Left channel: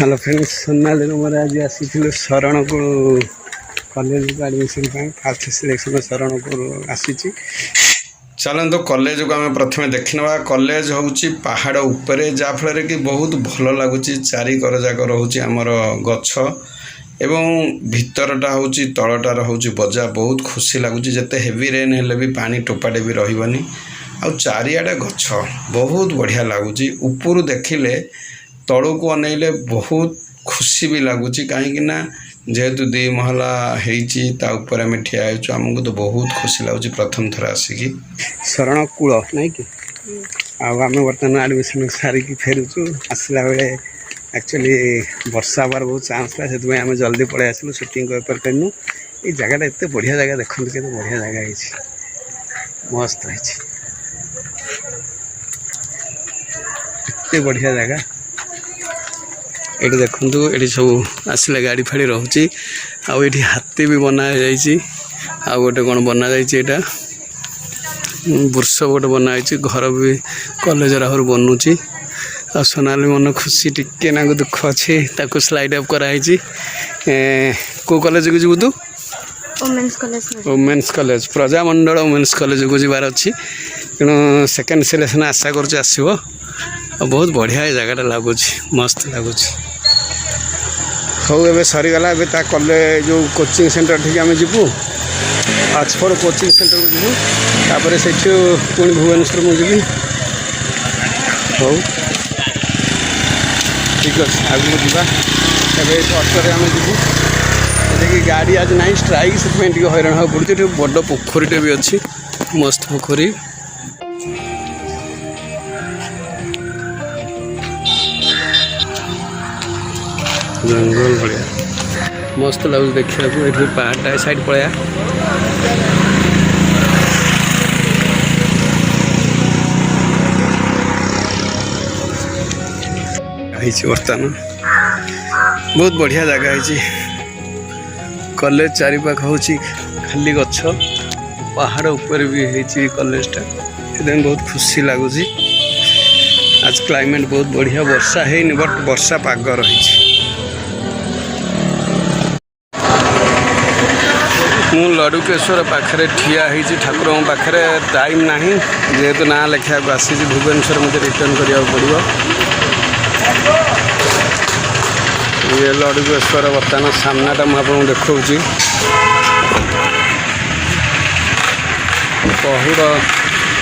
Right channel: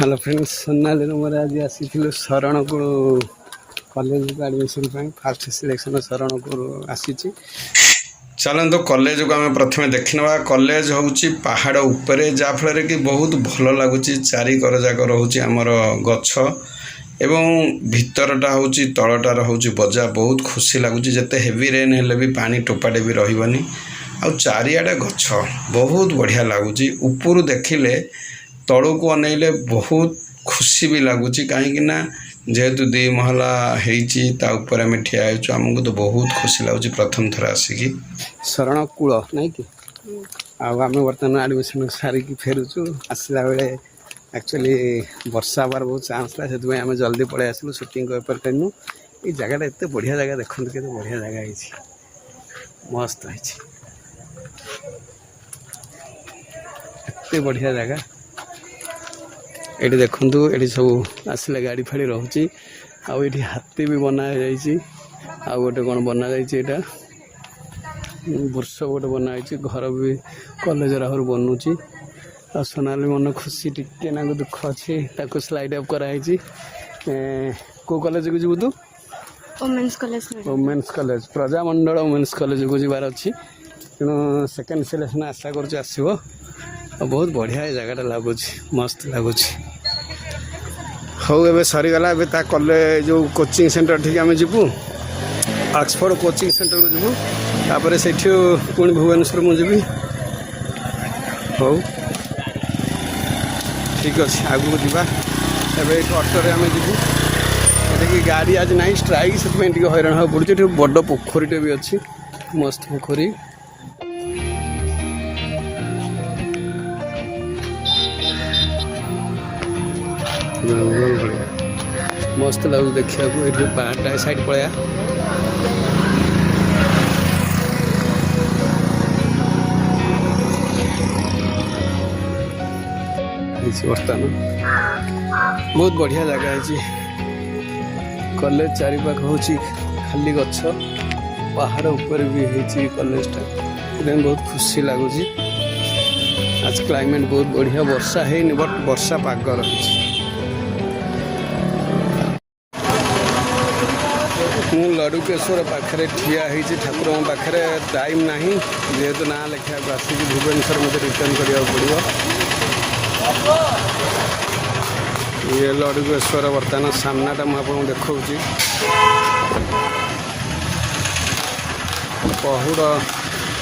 Hello friends Sonali मोर आज आसी शरण को कॉलेज को एडमिशन फास्ट सिलेक्शन शरण को आसी। चलते कॉलेज को आम प्रथम देखने कॉलेज हूँ पहाड़ उपरे जहाँफल कि बहुत भल लगुच चारिकर जाक रोचे आमर गछ एवं भितरटा हूँ तलटा रोच बजा बहुत खुशी लगुच जिते हेवी रेन हेल्ले भी पानी टोपाटे भी रही आ चारिआडे गछ बहुत बढ़िया लगुच ऊपर देखिले तलू को अनेले बहुत खुशी भी लगुच कहीं जेहेतु दी महला होपर आम ठिया आमको तो बहुत खुशी लगुच प्रथम थर आसिकी शरण कूल नहीं कि आम बर्तमान एडमिशन सारिकी फेरुचु आसला बेले एक्चुअली वर्षा हबार बहुत चान्स था से आम जल्दी पलि आसलु सुटिंग करनु। ये जगह एत बढ़िया जगह देखते के बढ़िया जगह है मस्त है एत बढ़िया जगह ये देखु ये सब आसला गाड़ी फाड़ी रोचे आठी हाथी भी बना जा गोटे कौन बना जाटा बुर्ष गोटे बनाई घर भी कॉलेज आहर बनूची आ सोनाली मन खुशी टिके ना दुख अच्छे ताको स्लाइड अप कराई को कॉलेज को जीवु तू women's college Prajamandal women's college को जीवार अच्छी तेणु सेकेंड सिलेक्शन आशा कर आसो बहुत बढ़िया जगह लगुच मस्त लगुच। हाँ एवं सरीगला कॉलेज जो कोचिंग सेंटर ठीक आम जीवु ऑक्सफोर्ड कोचिंग सेंटर जीवु तापर से पुणी भुवनेश्वर मुझे हाँ ठीक अच्छे आगे जावा अटोरे आम जीवु गाड़ी आज ना स्ट्राइक से हैरान हाँ पड़े बड़ पोखरीटे भी अच्छी मस्त पोखरी मस्त लगुच देखा ये पहाड़ साइड पड़ा बर्तमान बहुत बढ़िया जगह है कॉलेज चारिपाख हूँ खाली गछ पहाड़ ऊपर भी है कॉलेजटा एकदम बहुत खुशी लगुच। आज क्लाइमेट बहुत बढ़िया वर्षा है बट वर्षा पाग रही मु लडुकेश्वर पाखे ठिया ठाकुर पाखे टाइम ना जेहेतु ना लिखा आसी भुवनेश्वर मुझे रिटर्न करा पड़ो ये लडुकेश्वर बर्तमान सामनाटा मुझे देखा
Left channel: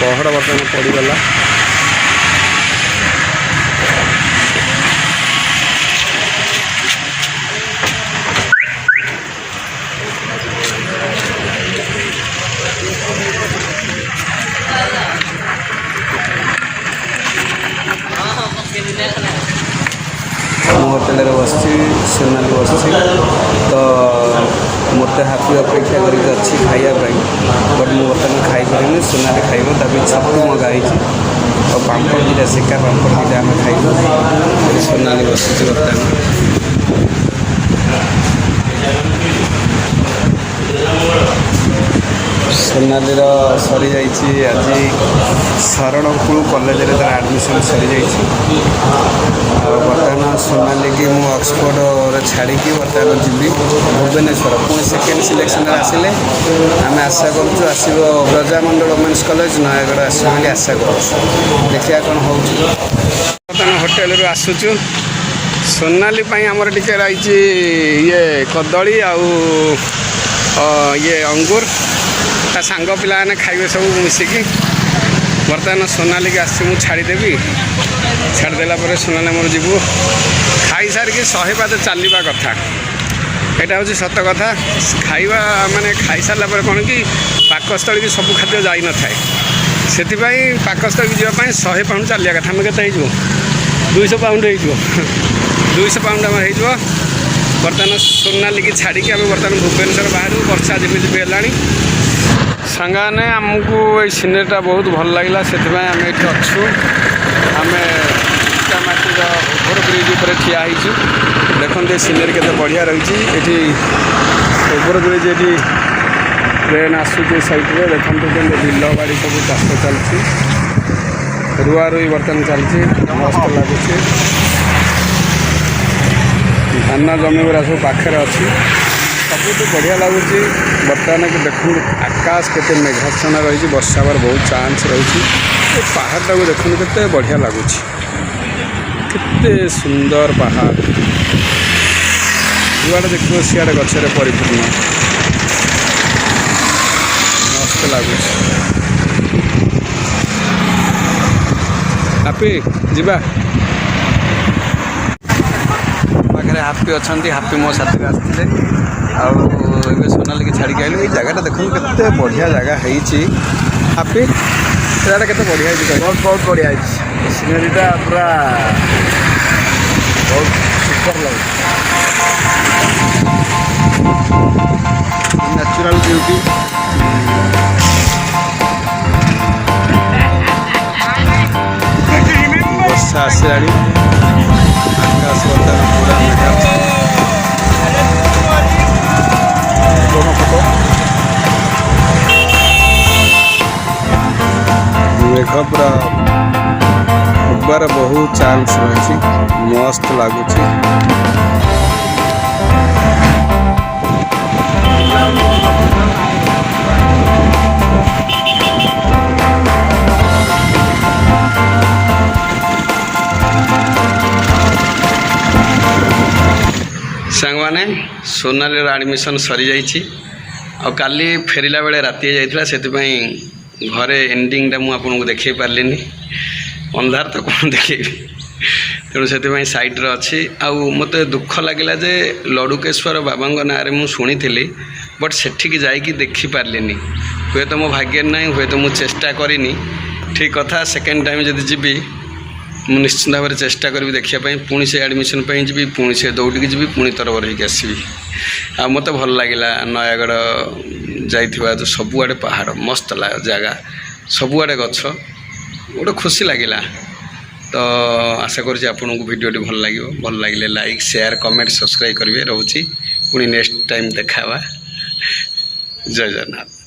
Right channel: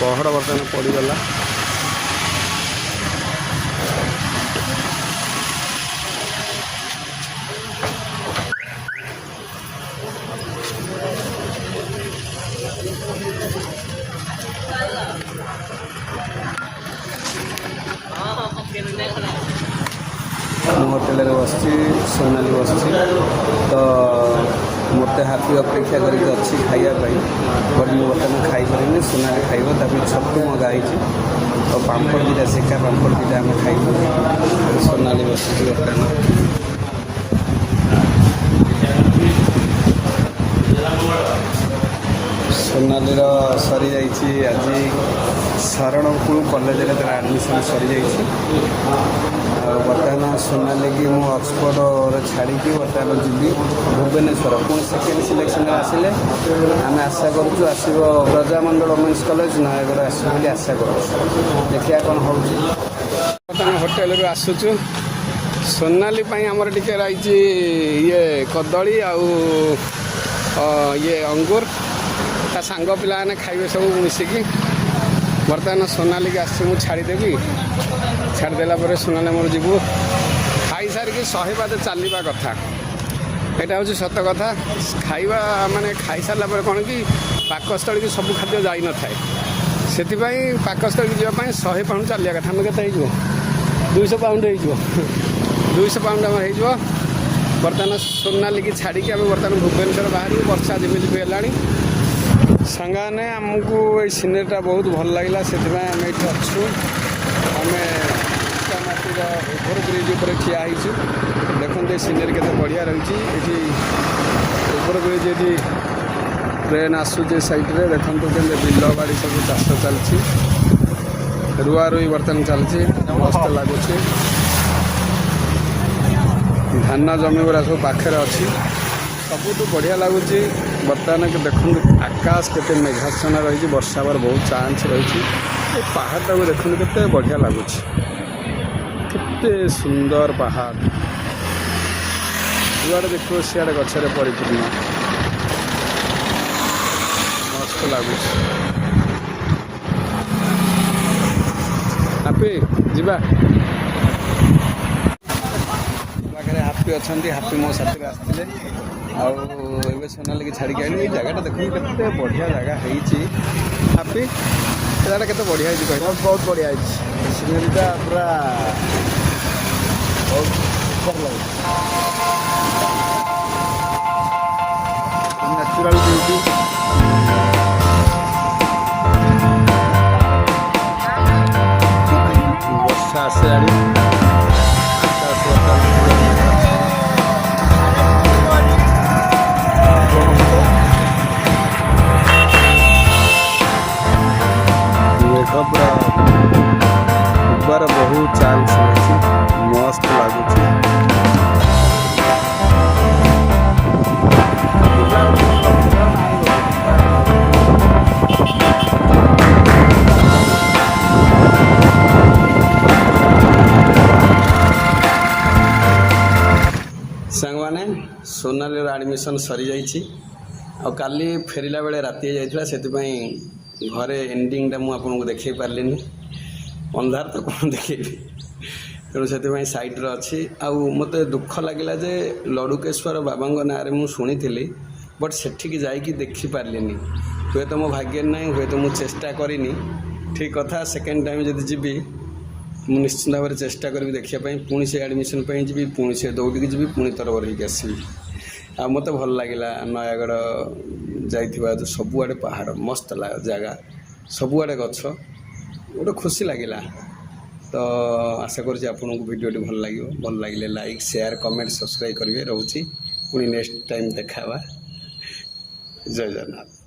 पहाड़ बर्तमान पड़गला होटेल बस सोनाली बस तो मत हाथी अपेक्षा करके खावाई बट मुझे खाई पारे सोनाली खाइब तक छतु मगाई और पापड़ दुटा सेका पापड़ दुटा आम खाइबू सोनाली बस सोनाली सरी जा आज शरणकूल कॉलेज एडमिशन सरी जा बर्तमान सोनाली की मुझे ऑक्सफोर्ड छाड़ी बर्तमान जी भुवनेश्वर पुणी सेकेंड सिलेक्शन आसिले आम आशा करो प्रजामंडल वुमेन्स कॉलेज नयगढ़ आसो बोली आशा कर देखिए कौन हो होटेल रू आसुचु सोनाली आमर टिके रही ये कदली आउ ये अंगूर ता सांग पिला खाइबे सब मिसिकी बर्तमान सोनाली की आसी छाड़देवी छाड़देला सोनाली मोर जीवु खाई सारिकी 100 पाद चलवा कथा यहाँ हूँ सत कथा खाइबा माने खाई सारा कौन कि पाकस्थली की सब खाद्य जाई न थाए से पाकस्थली की जावाई 100 पाउंड चलिया कथा आम के 200 पाउंड हो 200 पाउंड आम हो बर्तमान सोनाली की छाड़ी आम बर्तमान भुवनेश्वर बाहर वर्षा जमी भी है सांगाने आमको ये सीनेरीटा बहुत भल लगे से आम ये अच्छु आम ओभर ब्रिज पर ठिया देखते सीनेरी के बढ़िया रही ओभर ब्रिज ये ट्रेन आसूँ सैड्रे देखते बिल बाड़ी सब चाष चलती रुआ रुई बर्तमान चलती मस्त लगुच धान जमी गुरा सब पाखे अच्छी सबुठ बढ़िया लगुच बर्तमान की देखो आकाश के मेघाच्छन्न रही वर्षा हबार बहुत चांस रही पहाड़ टाक देखो के बढ़िया लगुच केते सुंदर पहाड़ जुआड़े देखो सियाड़े गचरे परिपूर्ण मस्त लगुच हापी जीवा पाखे हापी अच्छा हापी मो साथी आसते आगे सोनाली की छाड़ी आइलु ये जगह देखो केते बढ़िया जगह है हापी से केते बढ़िया बहुत बहुत बढ़िया सिनेरीटा पूरा बहुत सुपर लगे नेचुरल ब्यूटी वर्षा आसलानी बहुत चांस रही मस्त लगुच सांगने सोनाली आडमिशन सरी जाइए आ काली फेरला बेले राति जाइए से घरे एंडिंगटा मुझे देखे पार्ली अंधार तो कौन देखेबी तेणु से सैड्रे अच्छी मत दुख लगे जे लड़ुकेश्वर बाबा ना मुझे शुणी बट सेठिकी जाकि देखिपार्ली हुए तो मो भाग्य ना हुए तो मुझे चेष्टा करनी ठीक कथा सेकेंड टाइम जब जी मुझे निश्चित भाव में चेष्टा करी देखापी पुणी से एडमिशन जी पुणी से दौड़ जी पुणी तरबर होगी आसबि आ मत भल लगे नयागढ़ जाइथिबा तो सबुआड़े पहाड़ मस्त जगह सबुआड़े गछ गोटे खुशी लगे तो आशा करुँच आपन को भिडियोटी भल लगे लाइक शेयर कमेंट सब्सक्राइब करेंगे रोची पुणी नेक्स्ट टाइम देखा जय जगन्नाथ।